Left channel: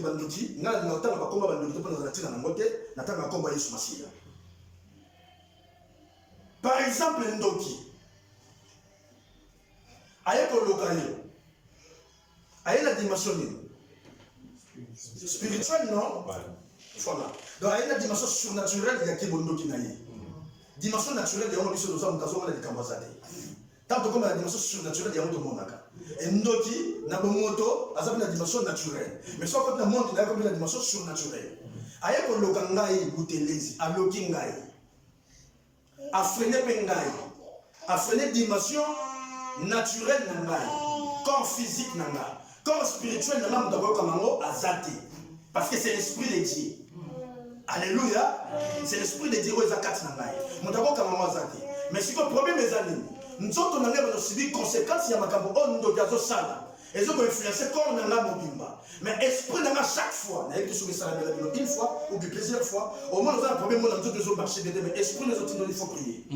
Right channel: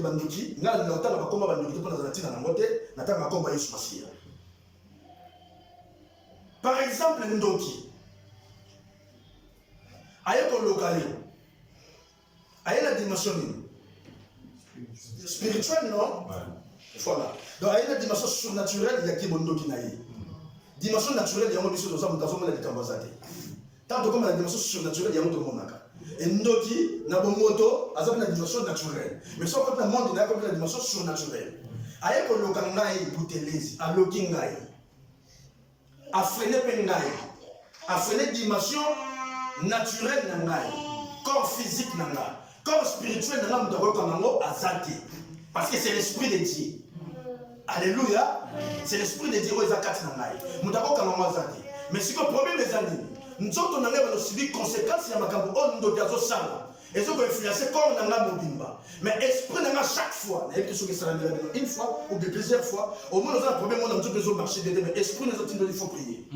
bandoki bandoki nga na tanga bakomba bandoki to pona zatina na ngote na tanga komba Yesu Masia. Par exemple ndoki ayeko lokayo aye la dimension spirituelle non voilà donc aye la dimension surnaturelle ya kibondoki na ye dimension naturelle ya biso to sa mutazo na likambazate tant comme la dimension surnaturelle ya moto monaka et ndoki na bomoto aza na dimension naturelle mais soit quand le monde na comme la dimension surnaturelle aye ko loka ngai butelezi aloki ngai a freiner pe ngai a freiner dimension naturelle na ngai corps physique na ngai corps spirituel na ngai mutako kamango azati parce que c'est l'esprit de Dieu. Alléluia. C'est l'esprit de Dieu qui est à ngai mutako kamango azati mais si le problème les amis nous autres na ngai ba subir conséquences ya makambo on ndo gazo sala et ça peut influencer corps na ngai mobimba mais esprit na ngai chaque fois na yeki soki sala une fois ou plusieurs fois au moins nous avons un problème on a tout besoin marcher dedans mais esprit nous autres il faut prier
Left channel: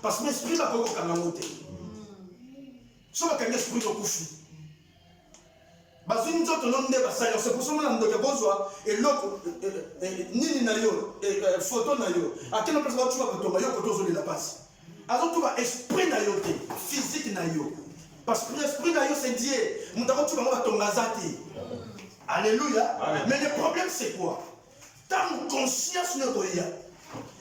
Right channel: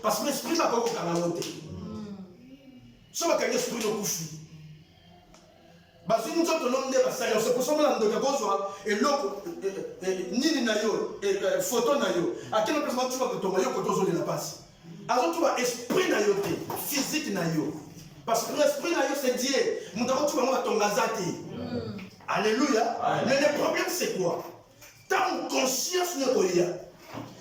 parce que l'esprit va pas kamango te so ba kanga esprit no kufi bazini nzoto londe basali c'est pour ça que ndoka kozwa eloko nini na yo photo na yo akena pesa tu vas tomber yo koto zoli la passe azo tu vas esprit na yo te physique na yo parce que l'esprit na yo c'est Dieu mutako tu vas tonga zati alléluia mais le problème c'est quoi tant conscience ne koya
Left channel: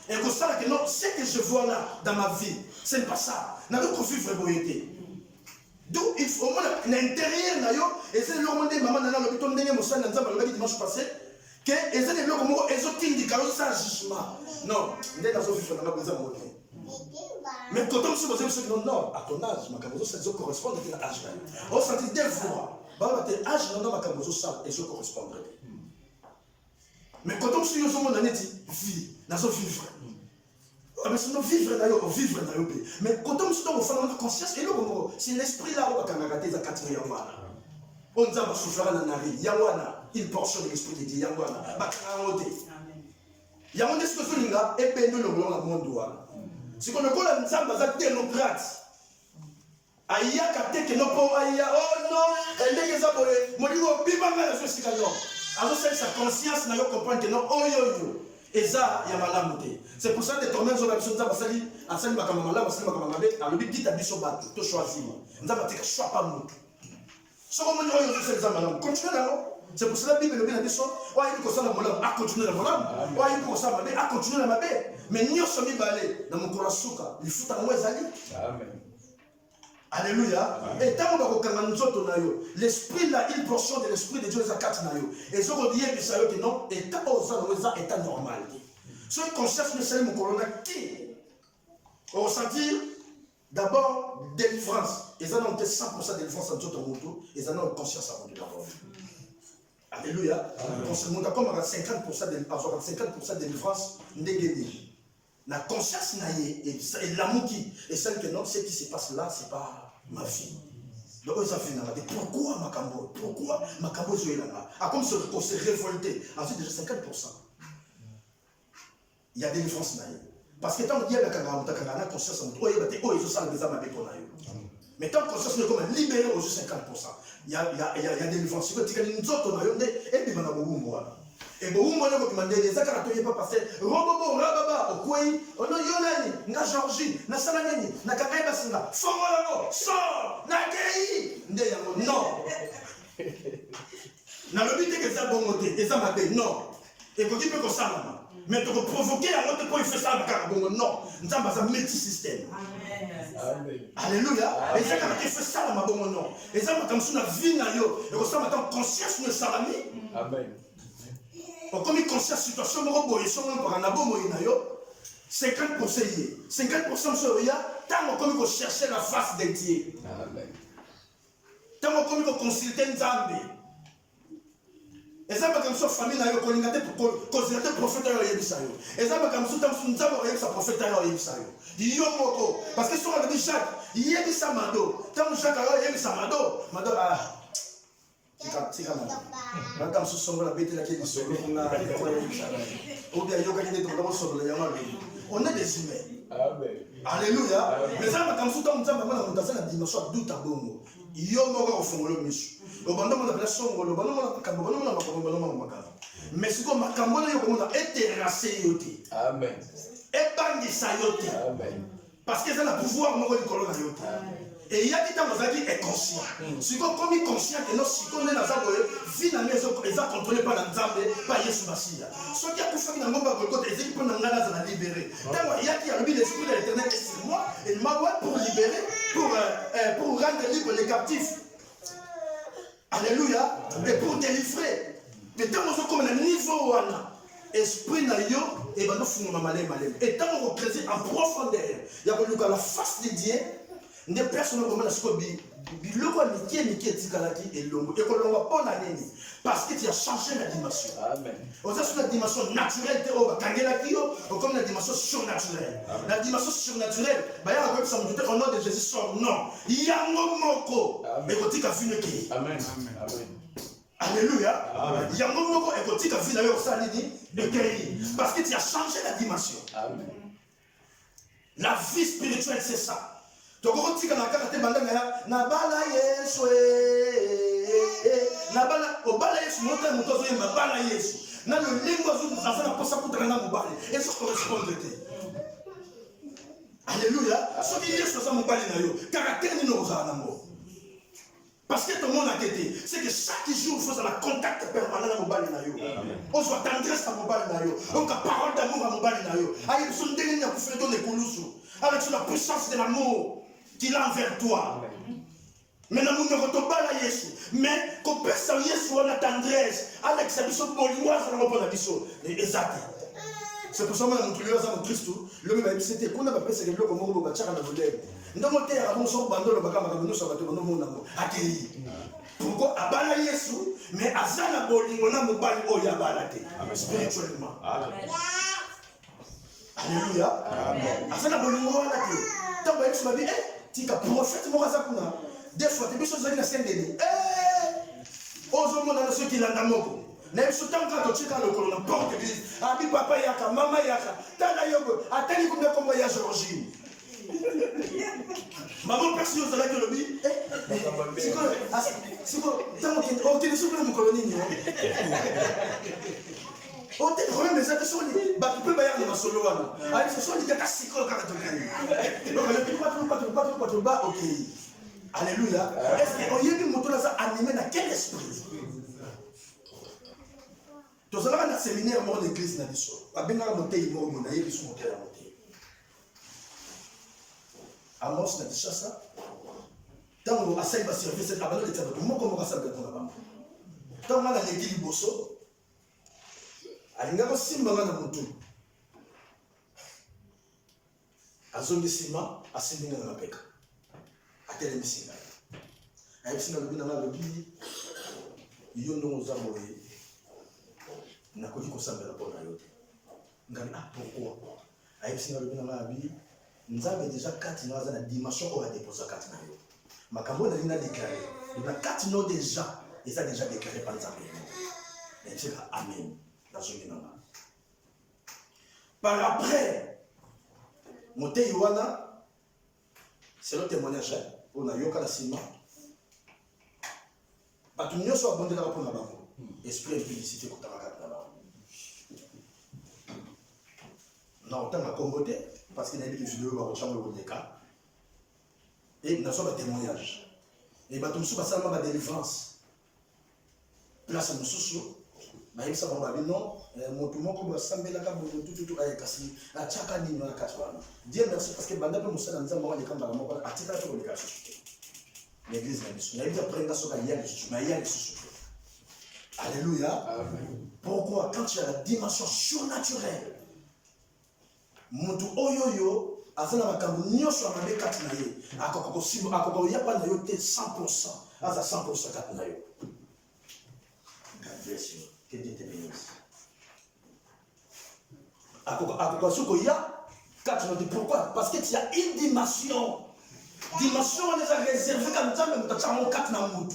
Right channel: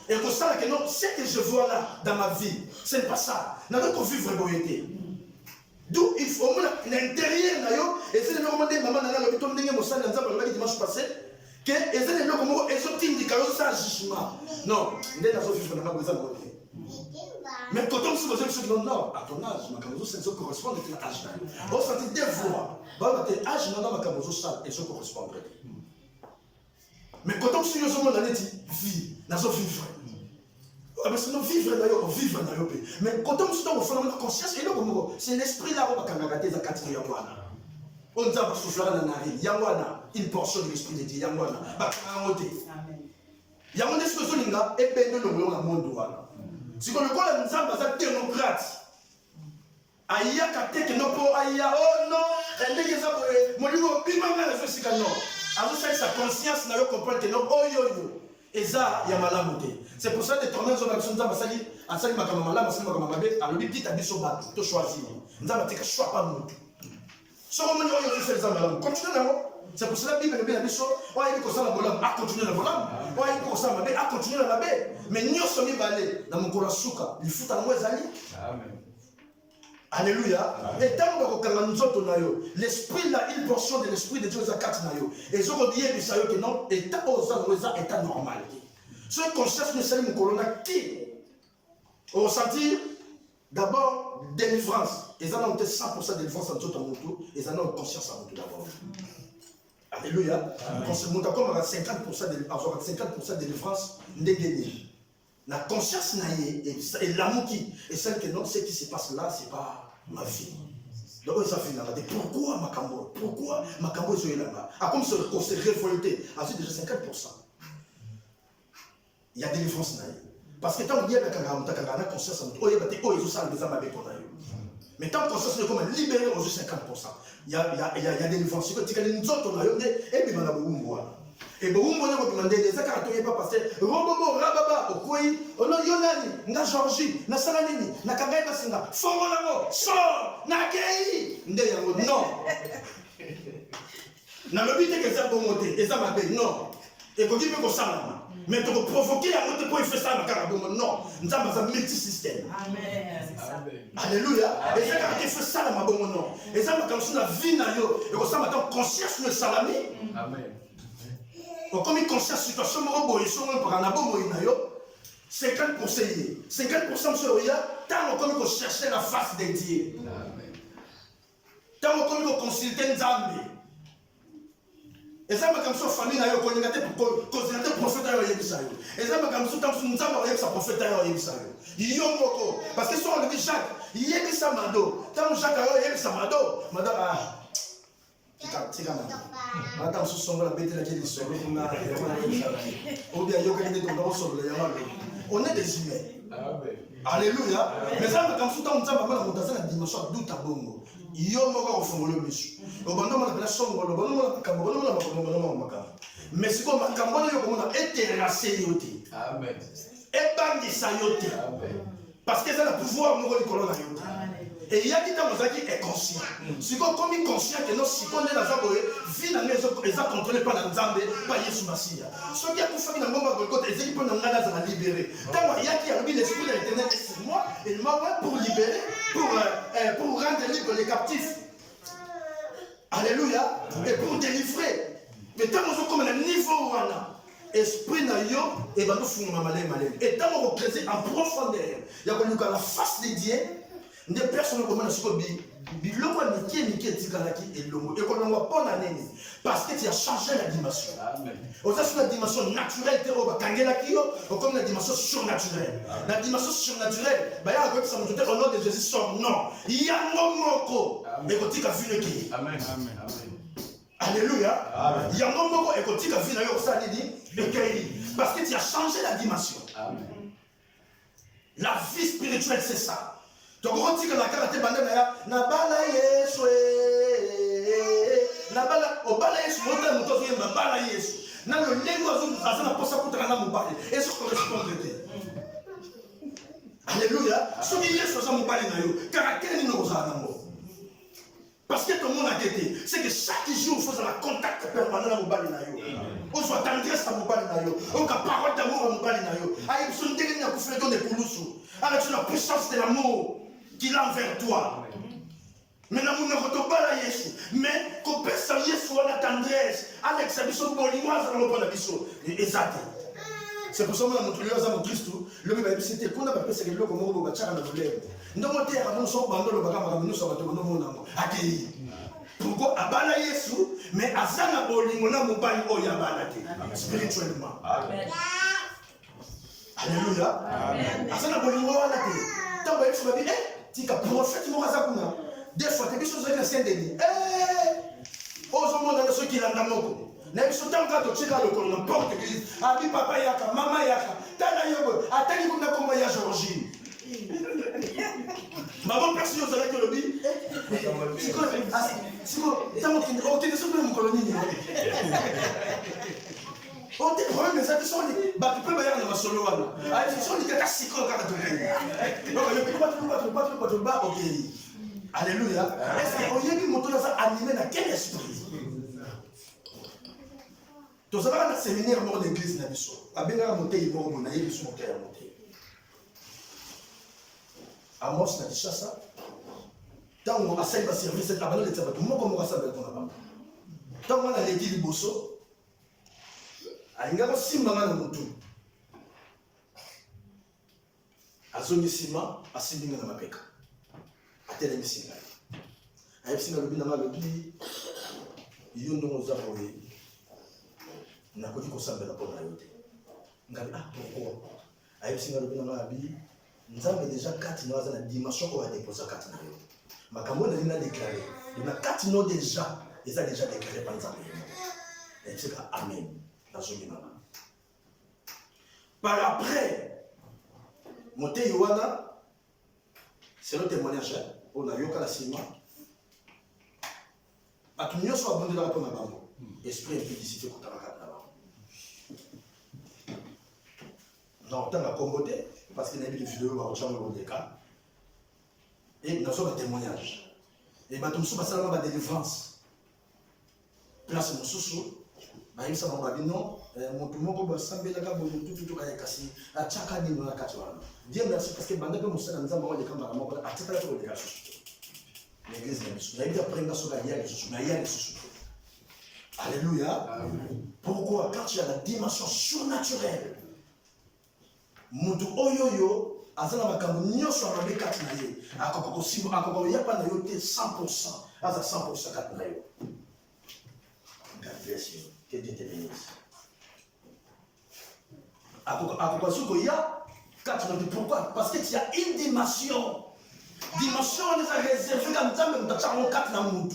et que ça que non ce que je vois là dans ma vie ce n'est pas ça n'a pas vivre boyété. D'où il faut l'intérieur et c'est le moment de maman dans l'hôpital ndenge mosala nzamba lobaki dimanche passé que et c'est le moment où ezotindi kayo ça jugement non ndé nazo vivre na maboza moté mais quand on se pose une question non à ton âge makamozo ça correspond à l'âge là on sentit des voix ba te âge non makamozo ça et ça correspond mais quand on se dit au monde neti vie nazo vivre mais sinon vivre d'ailleurs mais quand on se donne la conscience et c'est l'esprit là où on va regarder la quatrième yangwana on va souffler dans la nari yangwana une portion de l'esprit de Dieu yangwana bakrangote yangwana ce que zoninga et ben nous le monde wana si qu'on le voit nzamba za démocrate aya kateke no po aya oh non ndenge za molingo bimanga na sika non alors ça sa conscience na yo comprendre que non oh yo Eza yamalamu te. C'est pour ça que les tornades sont dans basali asali makamala basali makamala be alobi bita biso bato to choisir. Nzaba teka choix pas mutu. So comme on yo c'est les amalamu. Continue là. C'est pour ça que la Bible le biso wa yiko sala bolam a continuer la bolam. Wa yiko sala mabe a continuer la mabe. Mais nyoso mi balé na mukura suka, il futa na mwezali. Amen. Alléluia. Et tant que l'esprit là, une portion de l'esprit de Dieu est à 4 nayo. Et ce qu'on dit que non, et tant que état normal. Ce qu'on cherche, nous sommes corona qui on ressentir d'abord délivrance. Ils en ont 100% de délivrance en tout monde. Ils en ont conscience en tout d'abord. Alléluia. Comme on a 50% de délivrance, négligée. La conscience et l'amour qui est celle que non, ce qui se passe là, c'est pas ma vie. Donc ça fait pourquoi Makambo est là? Ah comme on s'est révolté, ensuite déjà 50%. Il y a des différences là. Parce que tant qu'on dit que la conscience, mais tant que conscience est comme libéré aux 50%, il y a des différences. Quand tu as une autre et puis et bon, on va demander des accords pas passé. Robobo, rababa, okoi, ono yonani, nga Georgie, na salanini, na kangai basinga, fongolango, so, na gei, nde yango, non. Na lobite que ça bongote, et ça m'a dit non. Et quand tu peux que ça, mais tu peux provoquer la motte pour y faire ça, non. Nous avons un multi-système. Amen. Alléluia. Et ça, quand tu fais ça, ma bonne non. Et ça, comme ça, la vie n'a yo, et comme ça, maintenant, conscience de salami. Amen. Comme une conscience situation, 50% 50% sur rien, tant qu'on chercher la face de Dieu. Tant qu'on consulter Nzambe. Et ça, comme ça, famille n'a pas consulter prophète à Yebisayo. Et ça, comme ça, Nzambe a sa prophète à Yebisayo. Yomoko. Parce que si on a dit Jacques, Yebisamado. Tant Jacques a Yebisamado, Mado, ah. Madame Sousson la bête là qui est sur on est des humains. Alléluia. Mais ça comme ça on la dimension doute à bongo. Yo moko au fond le misu. Au bando on appelle songo, le bando on makambo, bando on makambo. Mais c'est comme makambo yo comme on a terrassé yote. Amen. Et bangisa yote. Amen. Parce que ça a le pouvoir mo ko kolona yote. Et il y a qui est conscient. Si comme il est conscient que nous, si on est dans la vie, dans les gens contrôlés par Nzambe, par Yesu Massia. Ceux qui ont fait que nous avons les équipes nous libérer. Il y a qui a l'esprit de l'éternel est sur moi, et il m'a pour libérer, pour rendre libre les captifs. Alléluia. Et pour délivrer. Mais tant que nous sommes comme un niveau où on a esprit na yo, et ben nous faisons malin. Et tant qu'on crée en profondeur, il y a la face de Dieu. Des personnes comme ça, biloko miki tikalaki elongo et kolongo pona neni parce que tu as changé la dimension. Amen. On a sur la dimension naturelle te oba kangelaki yo comme la dimension surnaturelle. La dimension surnaturelle, ba ya ko ça me au nom de Jésus son nom. Yango moko et kotika vineki. Amen. Amen. Alléluia. Yango moko et kotika vina yo ça nini ekei parce que tu as changé la dimension. Amen. La vie spirituelle c'est ça. Donc on dit que la carte est bandée na bala Yesu na bala o bala Yesu monta mutozo yemba bala Yesu na le lengo azana posa kutana na mobali et ça correspond alléluia ce qui Yesu ça mobali na yo caractère ni no za nango parce que tout le monde a été c'est que chaque jour il faut un contact permanent na mobali na yo on soit tendresse à mobali na yo on a parole d'amour à mobali na yo ayi son ndenge na kufela don ekulusu avec la puissance de l'amour qu'il a envers toi. Mais nous ne pouvons pas la Yesu. Mais qu'on peut s'en Yesu en tendresse. Avec sa mission bolinoise, on ne peut pas la mission. Exact. C'est pour ça que nous avons montré Christ. Le même c'était qu'on a pas pensé que l'homme comme on va faire un problème. Nous avons été à mon son bandol le bagage nous sommes dans mon amour. Accueilli. Pourquoi abala Yesu mais azana bolingo na mobali oya balate spirituellement. Alléluia. Amen. Azana bolingo balate. Tant que Yesu m'a dit tika prophète mokaza kuna des fois te biso zaki na Saint-Denis ozo mona na soki landa moko na biso tanga to tika lokolo na porte église abi papa yaka mama yaka tala yobo atali kuna kombo ya Georgine maman personne aux alaki lobi siko tamo ki o ki soko mo koloni ni on te problème mais ça te sont les bah tu peux bailler dans ma solo wana ah ce sont les gars siko kaka to kani donc je peux pas bas OK alléluia est-ce que on yebi moto là ça animé dans quel esprit to ça na séminaire mort d'église na biso abenga monter mo na yebi so monter monter Amos na Kishasa tango asai ba service abana le tabato moko moko sabe ko na ba tango na leki liboso alingaka simbanga na mutu azongi sima asimbinga na mapeka atelemisi ngai ayebisi ngai lobi na ngai lobi yo ndongo za boye nakoki kosambela mpo na yo te ngai pourquoi ayebisi ngai lobi na ngai abi nzambe déjà kati no aza na dimension oyo adeposa kati na yo makambo na lina déclaré na kati no déjà eza déjà déclaré par nzambe ayebisi ngai amen. Par après, Mote Yohana, c'est le témoignage, on a yoka la sima. Batumio soit abondé dans la peau d'abord. Esprit impudicité pour ta racat d'abord. Non, autant à comboter, parce qu'il y a des vidéos à chambre de cas. Et nous sommes un témoignage. Et Batum sous bassalement la délivrance. Place nous sous. Mais ça va bien non mon tout monde comme sambela ka bon tout ay kasi a chaka ni na katwana Dieu merci parce que banda pe musana nzamba wa lekamba la moko a teta to le kasu l'église na biso na bita prenda so ka ya Jésus na ya Jésus alléluia amen. Pourquoi quand tu as la dimension surnaturelle mutu oyoyo azana makambo nyoso amabe kati na ye akoko simbo akoko ya pa na yo te 100% aza 100% kati na yo. God bless you. Que Dieu te bénisse. Pourquoi? Parce que tu as une dimension. Dimension est réservée comme ça, mais tu as un quatre dans le monde.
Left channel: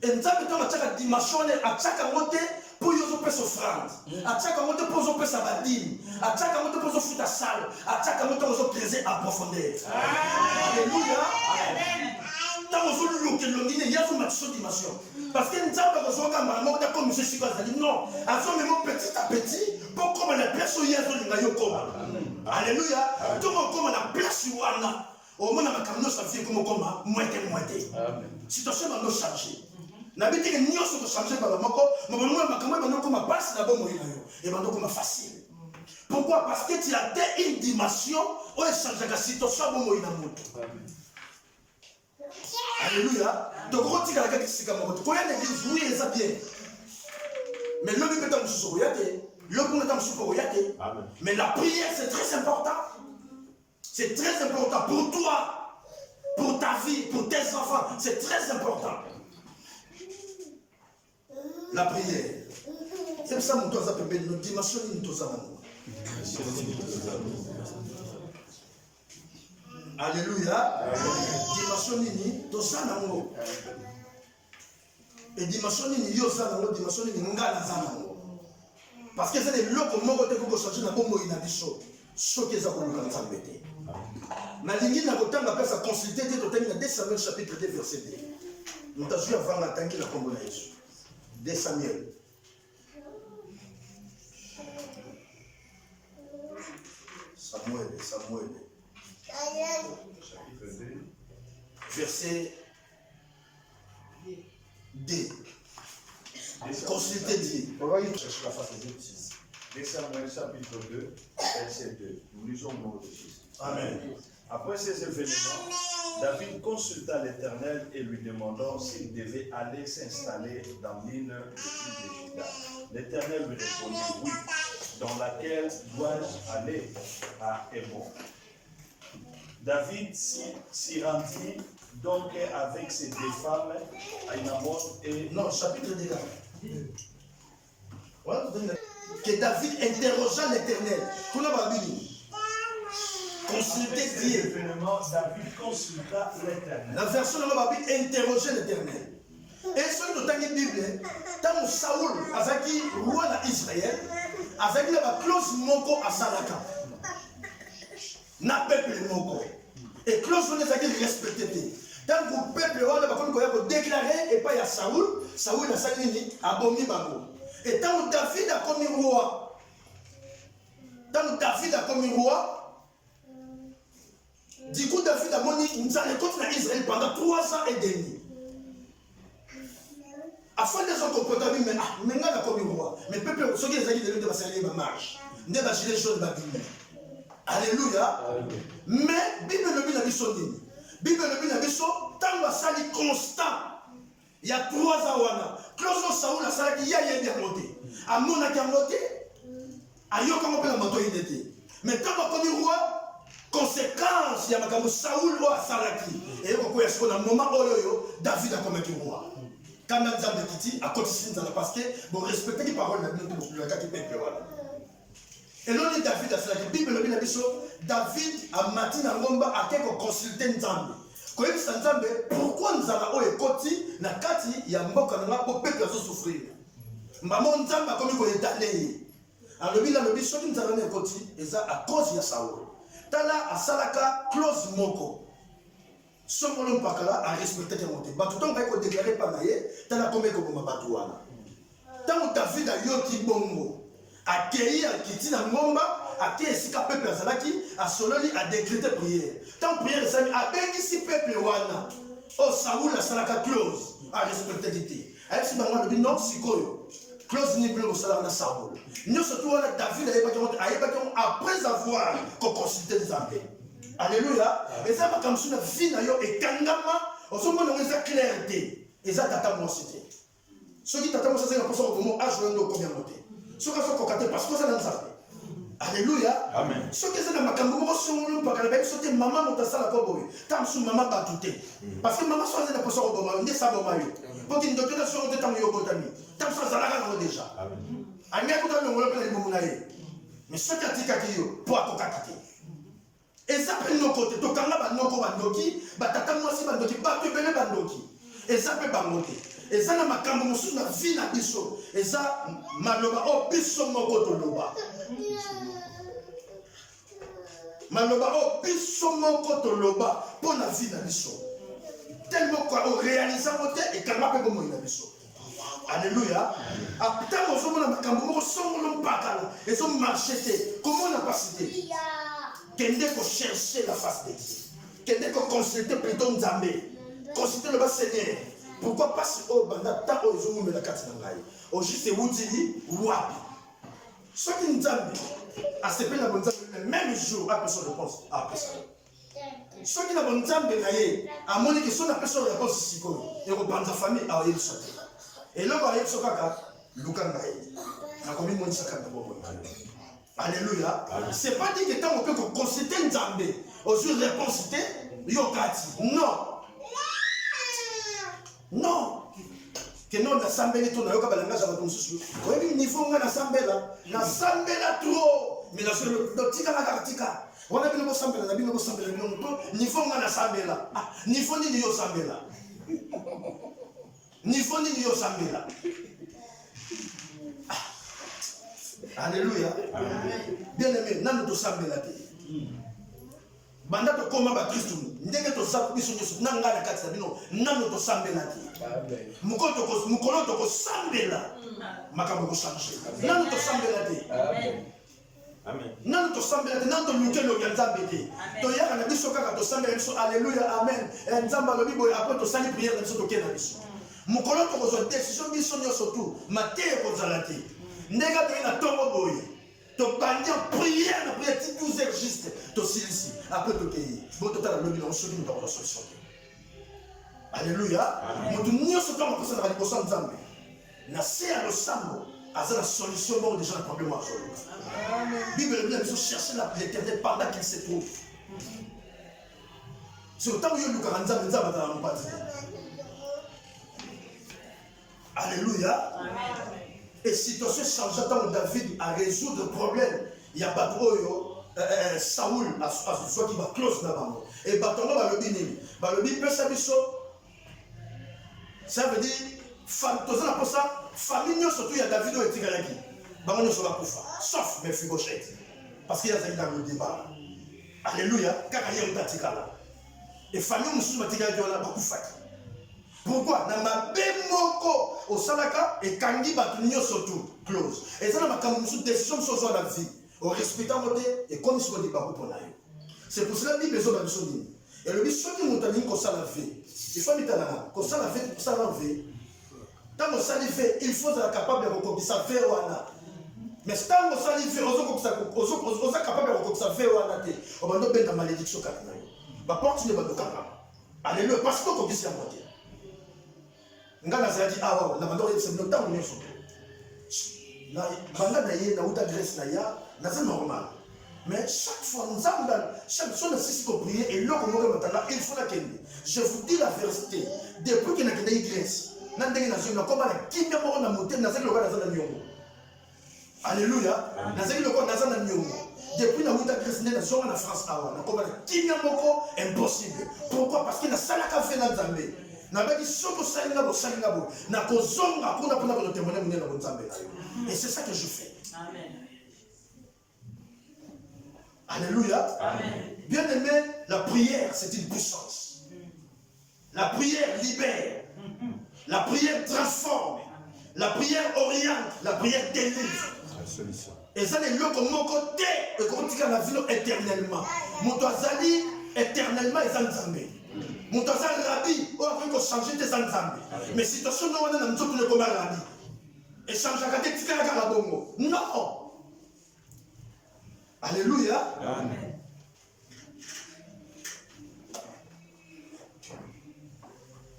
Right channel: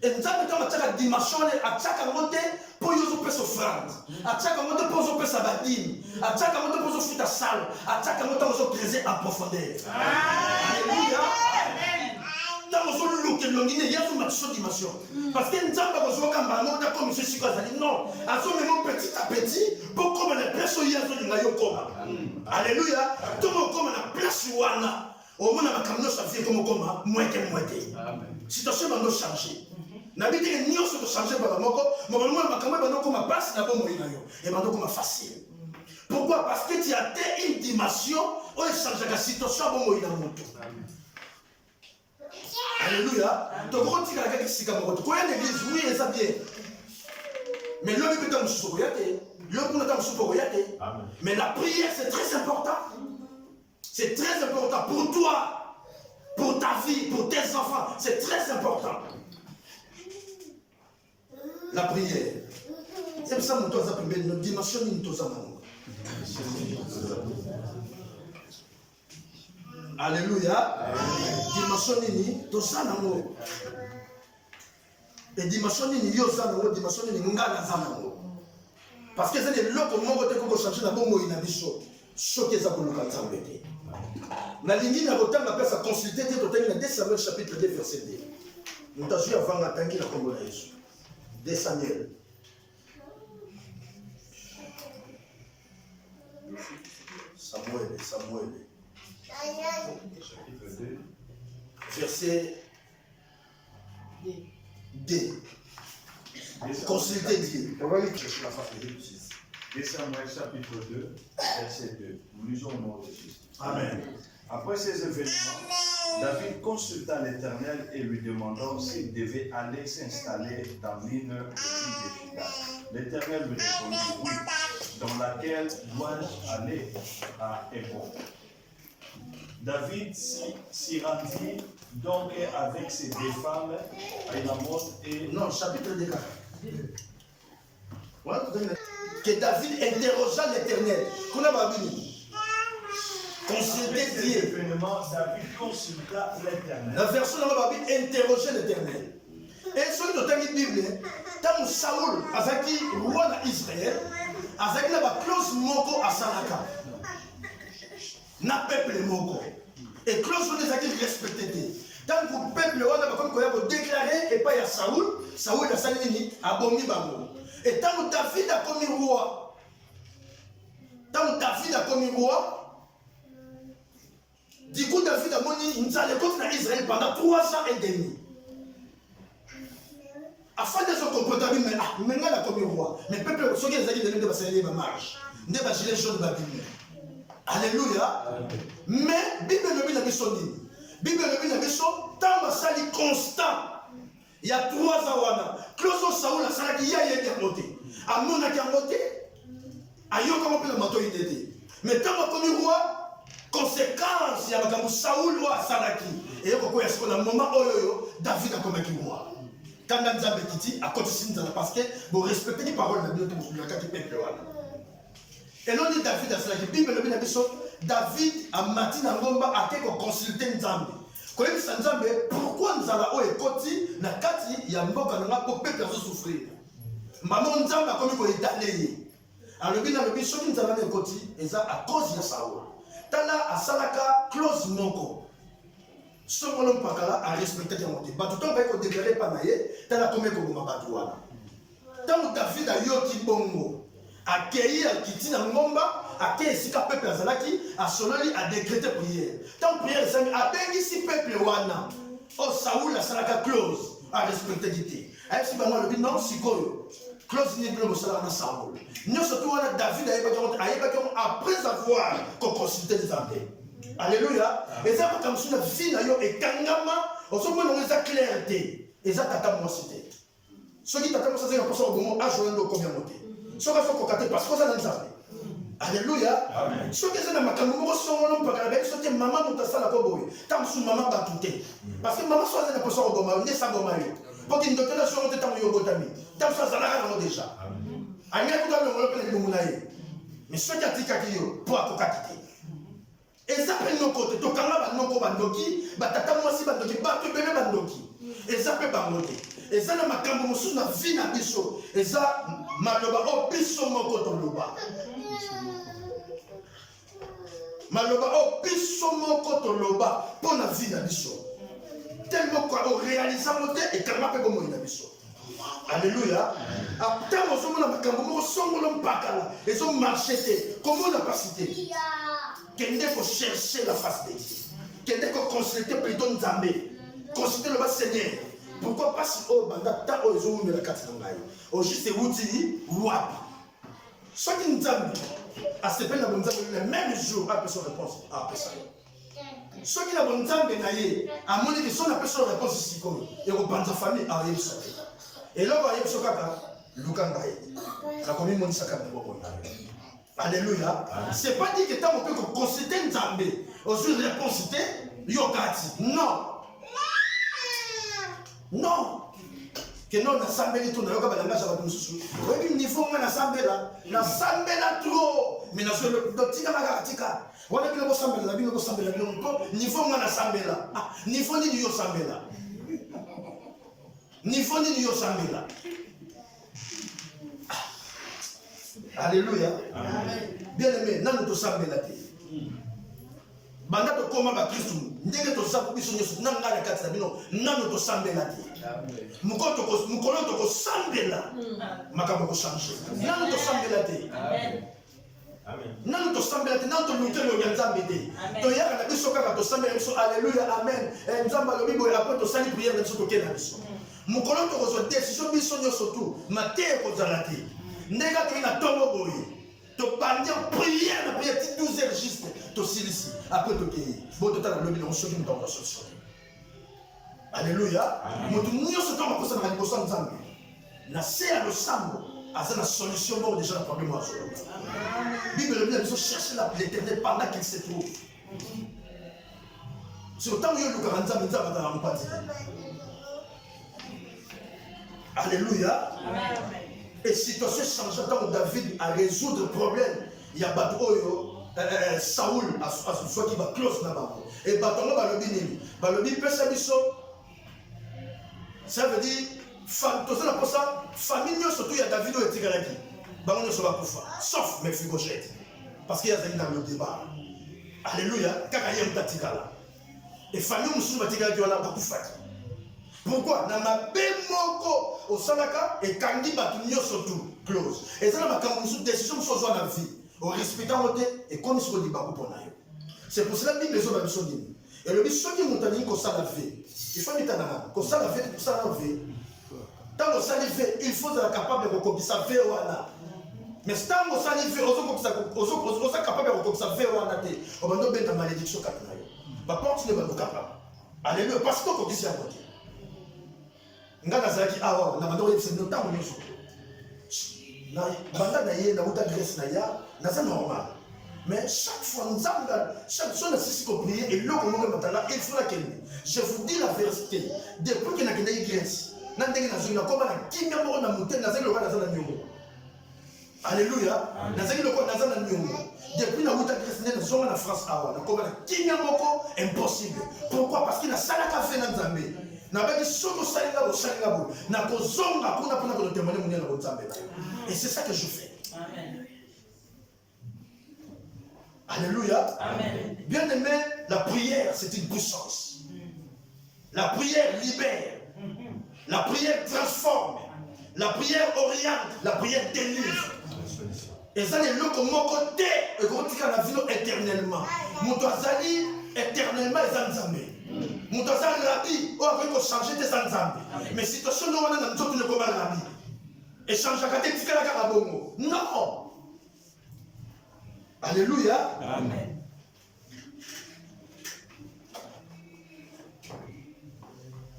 Et nous avons une dimension à chaque moté pour y faire offrande. À chaque moté pour y faire sa badine. À chaque moté pour y faire ta salle. À chaque moté pour y faire en profondeur. Alléluia. tant aux autres look il y a une dimension. Parce que nous avons besoin de maman comme monsieur Siko Azali. Non, azo même petit à petit pour comme la place où il y a une koma. Alléluia. Tout le monde comme la place où on a. Au moins, on a comme nous ça fait comme koma moitié. Situation va nous changer. N'habite que nous sommes changés par la moko. Mais moi, ma caméra va nous comme passe na bon moyen yo. Et va nous comme facile. Pourquoi? Parce que tu as atteint une dimension où il change la situation bon moyen moto. Alléluia. Donc, on dit que la guerre est comme ça. Quand il y a une église, oui, ça bien. Mais l'homme est dans le sous-soyate. L'homme est dans le sous-soyate. Mais la prière, c'est très important. C'est très important pour toi, pour ta vie, pour tes enfants. C'est très important. La prière. C'est pour ça que nous avons appelé notre dimension de nous. Alléluia. Dimension nini tozanango. Et dimension nini yozanango, dimension nini ngana zanango. Parce que c'est le loko moko te ko changer na bongo ina biso. Soki za ko luka nzambete. Na lingi na kotanga pesa consulter te totangi na 2 Samuel chapitre 2 verset 2. Nous t'ajouter avant la tangi na kombo na Yesu. 2 Samuel. Samuel. Chapitre 2. Verset 2. Consultez Dieu. On va lire la face des Égyptiens. 2 Samuel chapitre 2, verset 2. Nous lisons le nom de Jésus. Amen. Après ces événements, David consulta l'Éternel et lui demandant s'il devait aller s'installer dans l'une de Juda. L'Éternel lui répondit oui. Dans laquelle dois-je aller à Hébron? David s'y rendit donc avec ses 2 femmes, Aïnamon et... Non, chapitre 2. Que David interrogea l'Éternel. Consulter Dieu. David consulta l'Éternel. La version de la Bible interroger l'Éternel. Et celui de la Bible, tant Saoul, Azaki, roi d'Israël, Azaki n'a pas clause moko à Salaka. Na peuple moko. Et clause de Azaki respecté. Tant que le peuple a comme déclaré et pas à Saoul, Saoul a sali a bomi bango. Et tant que David a commis roi, du coup David a moni une contre Israël pendant 3 ans et demi. Afin de son comportement, mais maintenant la commis roi. Mais le peuple, ceux qui ont dit de passer les marches, ne pas gilet jaune de la Bible. Alléluia. Mais Bible ne dit pas Bible ne dit pas tant que ça constant. Il y a 3 ans. Close Saoul a ça qui y a des montés. À mon a monté. À Yoka on peut le manteau idée. Mais tant que commis roi, conséquence, il y a un Saoul roi à Salaki. Et il y a un moment où David a commis roi. Quand on a dit à côté de parce que vous respectez les paroles de la Bible pour le cas du peuple. Et l'on dit David à cela, la Bible le dit David a matin à Ngomba a quelque consulté Nzambe. Quand il dit Nzambe, pourquoi nous allons au écoti na kati ya mboka na pour peuple à souffrir. Maman Nzambe a commis qu'on est allé. Alors le Bible ce qui nous allons au écoti et ça à cause de Saoul. Tala a salaka close moko. Somolom pakala a respecté les montés. Batuton va être déclaré par naïe, t'as la comé comme ma batouana. Tant que David a yoki bongo, a cueilli a kiti na ngomba, a cueilli si ka peuple azalaki, a sololi a décrété prière. Tant prière sami a bengi si peuple wana. Oh Saoul a salaka close, a respecté l'ité. Avec si bango le dit non sikoyo. Close ni bleu salaka na Saoul. Nous surtout wana David a yebaki après avoir consulté les armées. Alléluia. Et ça va comme si la vie n'a pas et kangama, on se met dans la clarté. Et ça tata moi cité. Ceux qui tata moi c'est un peu ça au moment âge de combien monter. Ceux qui sont cocatés parce que ça n'a pas. Alléluia. Amen. Ceux qui sont dans ma cambo sont non pas calme, ceux qui maman monta ça la boy. Tam sous maman batouté. Parce que maman soit dans la poisson au moment, ne ça bon mario. Pour qu'il ne te donne sur le temps yo botami. Tam soit ça la déjà. Amen. Anya ko dans le monde le bomunaye. Mais ceux qui atika kiyo pour akokakité. Et ça peut nous côté to kanga banoko bandoki batata mwasi bandoki bato bébé bandoki et ça peut bangote et ça na makambo musu na vie na biso et ça maloba o biso moko to loba maloba o biso moko to loba pour na vie na biso tellement au réalisant et quand même comme il a mis. Alléluia. Après on a makambo moko songolo mpakala et son marché comment on a pas cité. Kende faut chercher la face de Dieu. Kende faut consulter plutôt Nzambe. Consulter le bas Seigneur. Pourquoi pas si au banda ta au zo me la carte ngai. Au juste wuti wapi. Ce qui Nzambe a se peine la bonne Nzambe le même jour a personne réponse à personne. Ce qui la bonne Nzambe naie a mon que son personne réponse ici comme et au banda famille a eu ça. Et là va y avoir kaka lukanga na komi moni sakana bobo. Alléluia. C'est pas dit que tant on peut consulter Nzambe au jour de réponse yokati. Non. Non. Que non na sambeli to na yoka balanga za bato mususu. Oyebi niveau nga na sambela trop. Mais na le tika na kartika. Wana bino bo sambela na bino bo sambela bino to niveau nga na sambela. Ah, niveau ni yo sambela. Niveau ni yo sambela. Alléluia. Bien aimé, nanu to sambela te. Banda to koma ba Kristo. Ndenge to sapu biso nyeso nanga na kati na bino nanu to sambela te. Mukolo to ko sambela. Makambo ko changer. Nanu to sambela te. Amen. Amen. Nanu to sambela te, nanu to lukelo ya Nzambe te. To yaka na biso kaka to sambela biso. Alléluia. Amen. Nzamba lo bibo après to sali prière biso to kena biso. Mukolo to ko zo décision biso nyeso tout. Mate ko zala te. Ndega to ina tongo boye. To bandi en prière, na prière 12 heures juste. To silisi. Après to kei. Bon to tala lobi on soki muto ko solution. Alléluia. Mutu nyoso kama kosa na liboso Nzambe. Na se a lo sambo. Asa na solution bon déjà le problème à solo. Bible le dit chercher l'Éternel pendant qu'il se trouve. Sur temps où il y a le Nzambe Nzambe dans la partie. Alléluia. Et situation changeante dans David à résoudre le problème. Il y a Batroyo, Saoul, à soit qui va close là-bas. Et Batongo va le bini. Va le bini, ça veut dire, famille, surtout il y a David et Tigaraki. Bango ne va koufa. Sauf Mephibosheth. Parce qu'il y a dans le débat. Alléluia. Kakayem Tatikala. Et famille, on va Tigaraki, on a koufa. Pourquoi? Nama bemoko au salaka et kangi batunyo surtout close. Et ça n'a pas comme décision sur la vie. Au respectant le et comme il se dit bakou pour naïo. C'est pour cela que la Bible est sur et le but ceux qui montent ligne comme ça la vie. Il faut mettre en avant. Comme ça la vie, pour ça la vie. Tant qu'on s'alifait, il faut être capable de reconnaître ça fait wana. Mais tant qu'on s'alifait, on est capable de reconnaître ça fait wana. On va nous mettre malédiction katana. Bah porte ne va pas capable. Alléluia. Parce que qu'on dit c'est à côté. Ngana zaki awa na bandoro yebse no tango nyoso na banda na ye na uta Grèce na ya na c'est normal mais chaque fois nzamba chaque fois na sisi ko prier et loko mo matala il faut la kende. Je vous dis la vérité depuis que na kende Grèce na ndenge na zona ko bana kimia mo na motel na zaki lokala na nyongo. Alléluia. Na zaki lokala na nyongo depuis na uta Grèce na zona na France awa na ko bana kimia moko impossible. Pourquoi? Parce qu'il a salaka fait na Nzambe. Et c'est ça que je fais. Amen. Alléluia. Amen. Bien aimé, la prière, c'est une puissance. La prière libère. La prière transforme. La prière oriente. La prière délivre. Et ça, les locaux, mon côté, et quand tu as la vie éternellement. Mon toazali, éternellement, et zanzamé. Mon toazali, rabbi, on va changer tes zanzamé. Mais si tu as son nom, on a un peu de comme rabbi. Et changer à tes tika la bongo. Non. Alléluia. Amen.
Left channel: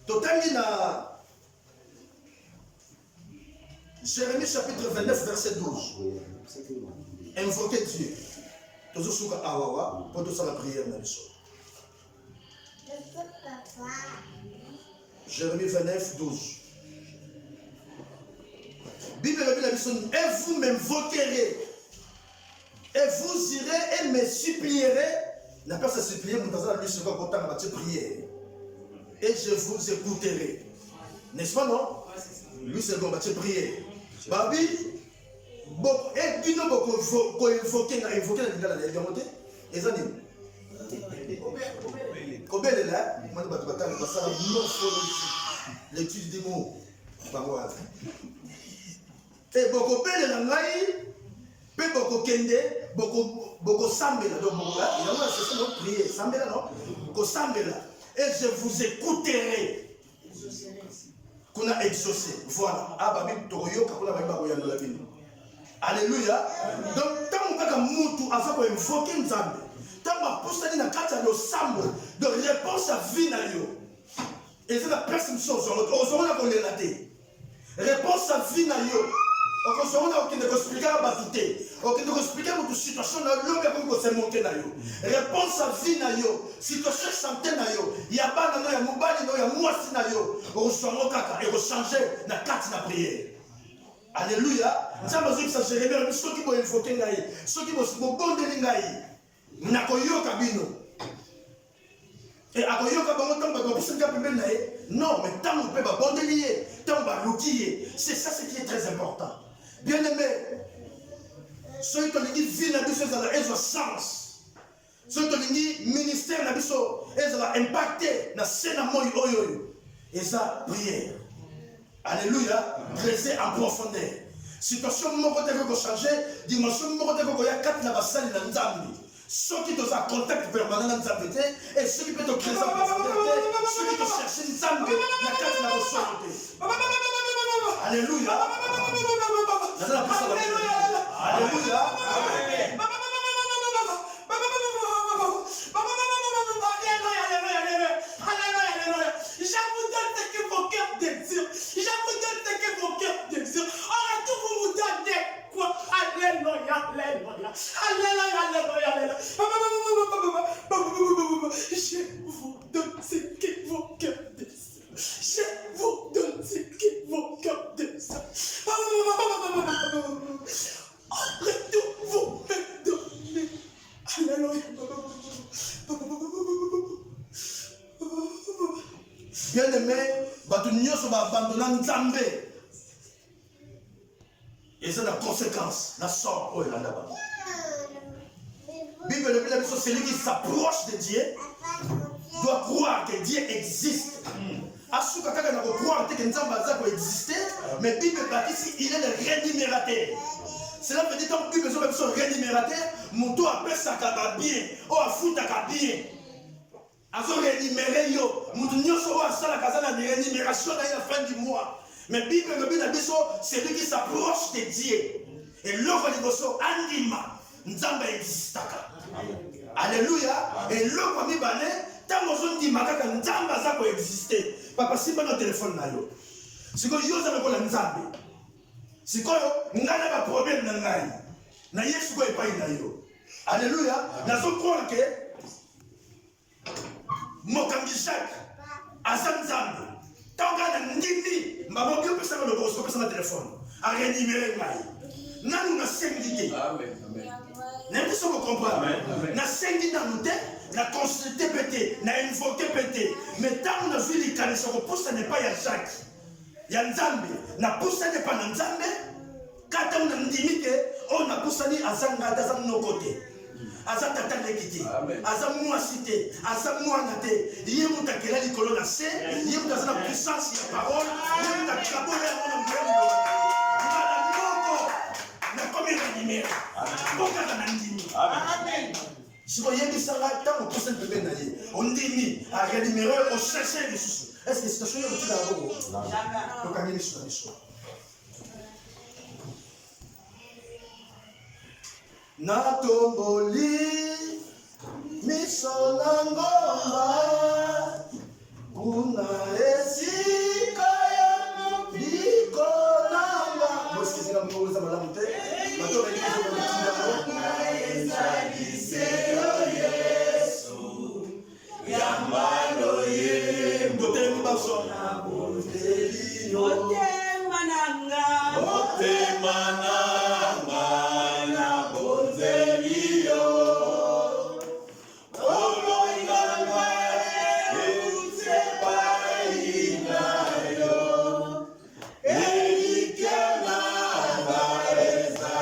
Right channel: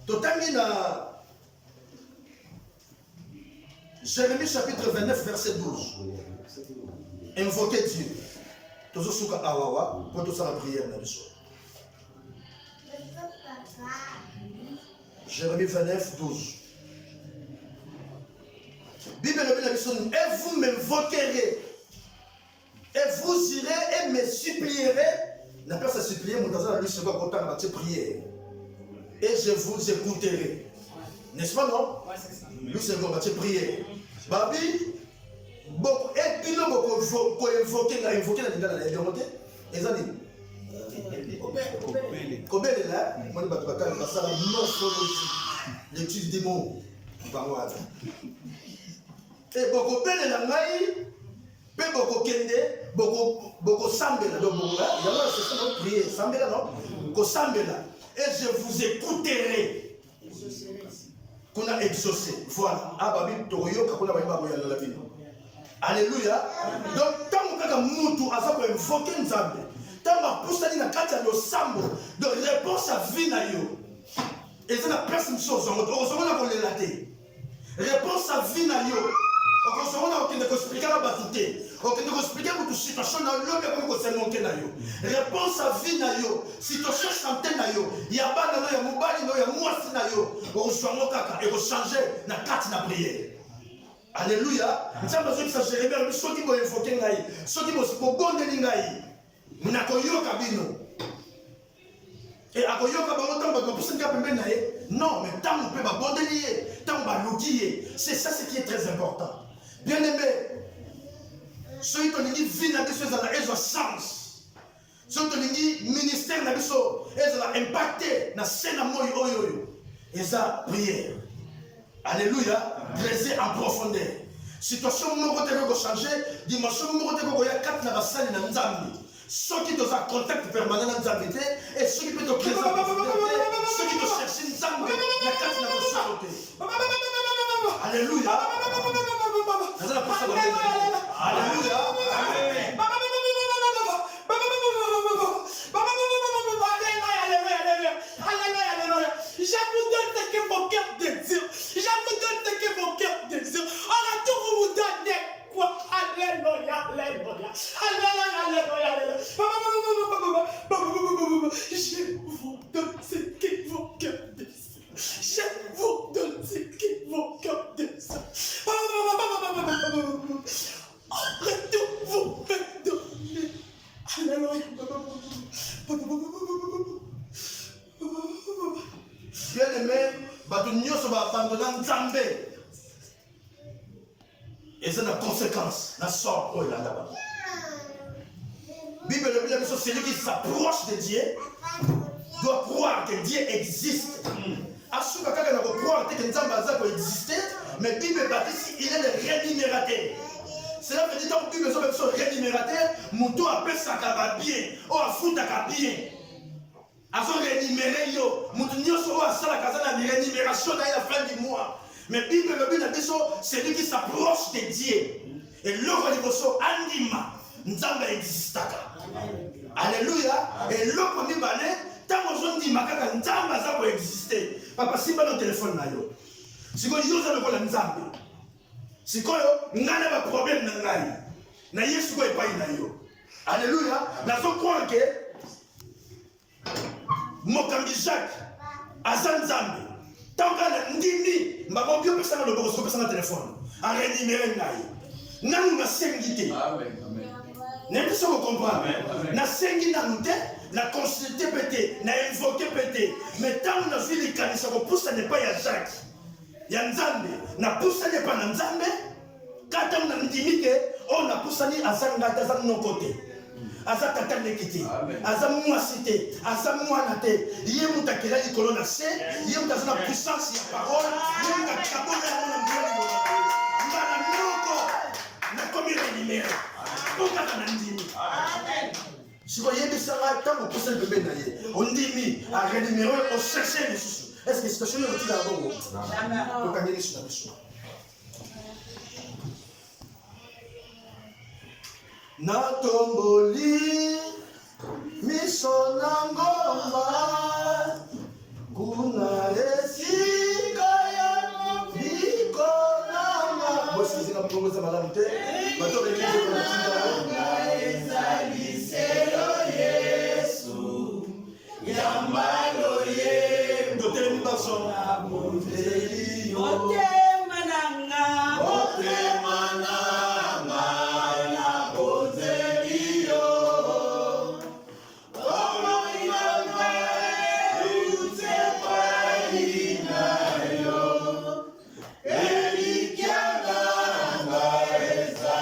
Totamina. Jérémie chapitre 29, verset 12. Invoquez Dieu. Tozo suka awawa pour tout ça la prière na biso. Jérémie 29, 12. Bible la biso et vous m'invoquerez et vous irez et me supplierez. La personne supplier mon dans lui c'est quoi content va te prier. Et je vous écouterai. N'est-ce pas non? Lui c'est quoi va te prier. Babi beaucoup et bino beaucoup invoquer na invoquer na ndala na yongote ezani Kobele là, moi je vais passer la morphologie, l'étude des mots. Et beaucoup belle la ngai, peu beaucoup kende, beaucoup sambela. Donc il y a moi c'est ça donc prier, sambela non, ko sambela. Et je vous écouterai. Qu'on a exaucé. Voilà. Ah babi toyo kakuna baimba koyano la bino. Alléluia. Donc tant que mutu asa ko invoquer nzambe. Tant que poussani na kati ya sambo de réponse à vie na yo. Et c'est la personne chose on na ko lelaté. Réponse à vie na yo. On a aucune expliquer à batouté. Aucune expliquer pour situation na l'homme comme se monter na yo. Réponse à vie na yo. Situation santé na yo. Ya bana no ya mobali no ya mwasi na yo. On soit kaka et changer na carte na prière. Alléluia. Nzamba zo kisa Jérémie soki bo invoquer ngai. Soki bo bondeli ngai. Na koyoka bino. Et akoyoka bango tamba ko pusinga pembe na ye. Non, mais tant on peut ba bondeli tant ba lukiye. C'est ça ce qui est très important. Bien aimé, ceux qui ont dit vie n'a pas de sens. Ceux qui ont dit ministère n'a pas impacté dans scène moi oyoyo. Et ça prière. Alléluia. Creuser en profondeur. Situation mo côté ko changer, dimension mo côté ko ya kat na basali na nzambi. Ceux qui ont un contact permanent dans nzambi et ceux qui peuvent te creuser en profondeur, ceux qui te cherchent nzambi na kat na bosote. Alléluia. Alléluia. Je vous donne ce que vos cœurs désirent. Je vous donne ce que vos cœurs désirent. En retour, vous vous donnez quoi? Alléluia, alléluia. Alléluia, alléluia. Je vous donne ce que vos cœurs désirent. Je vous donne ce que vos cœurs désirent. En retour, vous me donnez. Alléluia. Bien aimé, bato nyonso ba abandonner Nzambe. Et c'est la conséquence, la sort oh là là. Bible le dit celui qui s'approche de Dieu doit croire que Dieu existe. Asuka kaka na croire que Nzambe azako exister, mais Bible bâtit il est le rémunérateur. Cela veut dire que Bible besoin de rémunérateur, muto appelle ça ka bien, o afuta ka bien. Azo rémunérer yo, mutu nyonso o asala kazana rémunération à la fin du mois. Mais Bible le dit c'est lui qui s'approche de Dieu. Et l'offre de bosso andima, Nzambe existaka. Alléluia. Et l'offre mi bané, tant qu'on dit makaka Nzambe azako exister. Papa si ba no téléphone na yo. Siko yo za lokola Nzambe. Siko yo ngana ba problème na ngai. Na Yesu ko epai na yo. Alléluia. Nazo croire que mokambi Jacques azan Nzambe. Tant qu'on ndimi mbabo bio pesa na loboko pesa na téléphone. A rémunérer ngai. Nanu na sengité. Amen. Amen. N'est-ce pas comprendre? Na sengi na nous na consulter pété, na invoquer pété. Mais tant on a vu les canisa ko poussa n'est pas ya Jacques. Ya Nzambe, na poussa n'est pas na Nzambe. Quand on a ndimi que on a poussa ni azanga tazam no côté. Aza tata nekiti. Aza mwasi te, aza mwana te. Yé mutakela likolo na se, yé mutazana puissance ya parole, yé mutakabola ya mwana mbele. Comme il est numéro. Pourquoi tu as dit? Amen. Si vous voyez ça, tant que vous bébé naïe, on dit à rénumérer, on cherche les sous. Est-ce que c'est situation est là-bas? Non. Donc, on est sur la mission. Na tomboli, misona ngomba, kuna esika ya bikonanga. Est-ce que c'est la propose à madame T? Maintenant, l'église de Matinda. Esa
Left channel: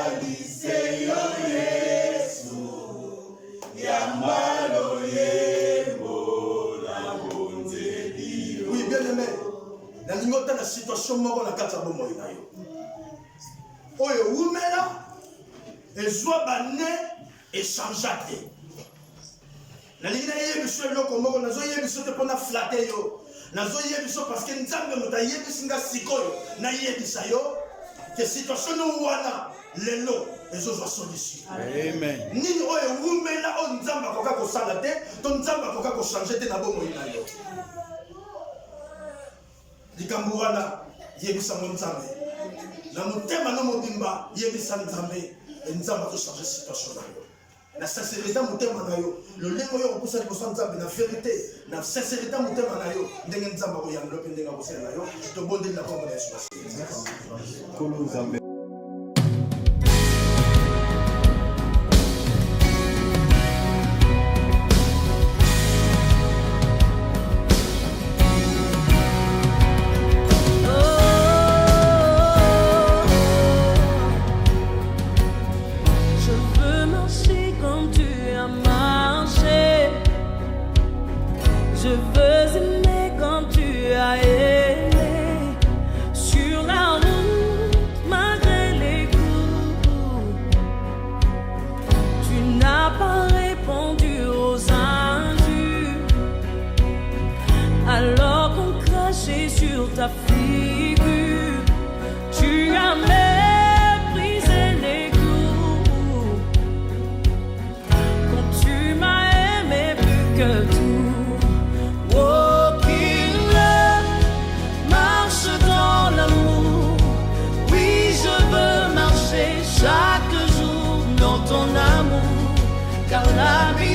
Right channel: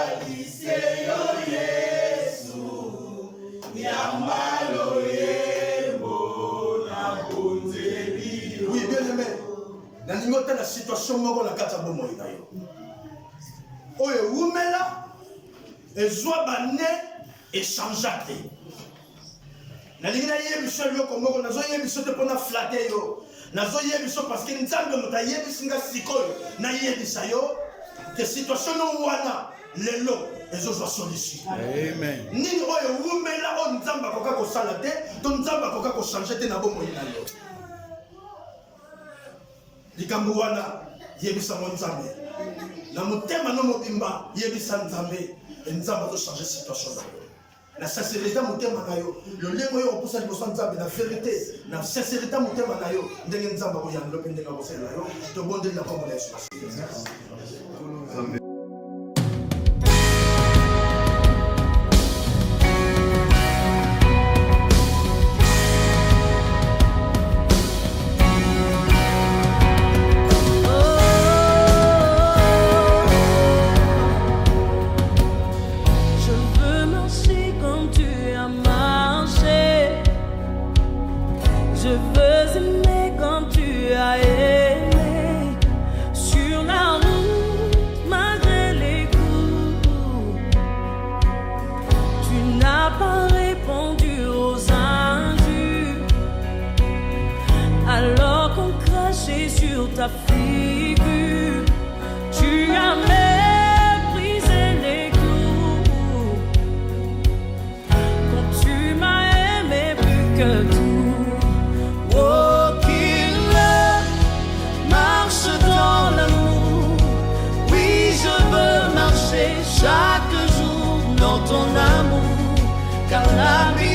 situation moko na kati ya bomoi na yo oyo umela ezwa bane echange te nalingi nayebiso eloko moko nazoyebiso te mpona flate yo nazoyebiso parce que nzambe moto ayebisi nga sikoyo nayebisa yo ke situation no wana lelo ezozwa solution. Amen. Nini oyo umela o nzambe akoka kosala te to nzambe akoka kochange te na bomoi na yo likambo wana yebisa mo nzambe na motema no mobimba yebisa nzambe nzambe azochange situation na yo na sincérité motema na yo lolenge oyo okopusa liboso ya nzambe na vérité na sincérité motema na yo ndenge nzambe akoyangela mpe ndenge akosalela yo tobondeli na kombo na yesu masihi. Je veux aimer comme tu as aimé, sur la route malgré les coups. Tu n'as pas répondu aux injures, alors qu'on crachait sur ta figure. Tu as méprisé les clous, quand tu m'as aimé plus que tout. Chaque jour dans ton amour, car la vie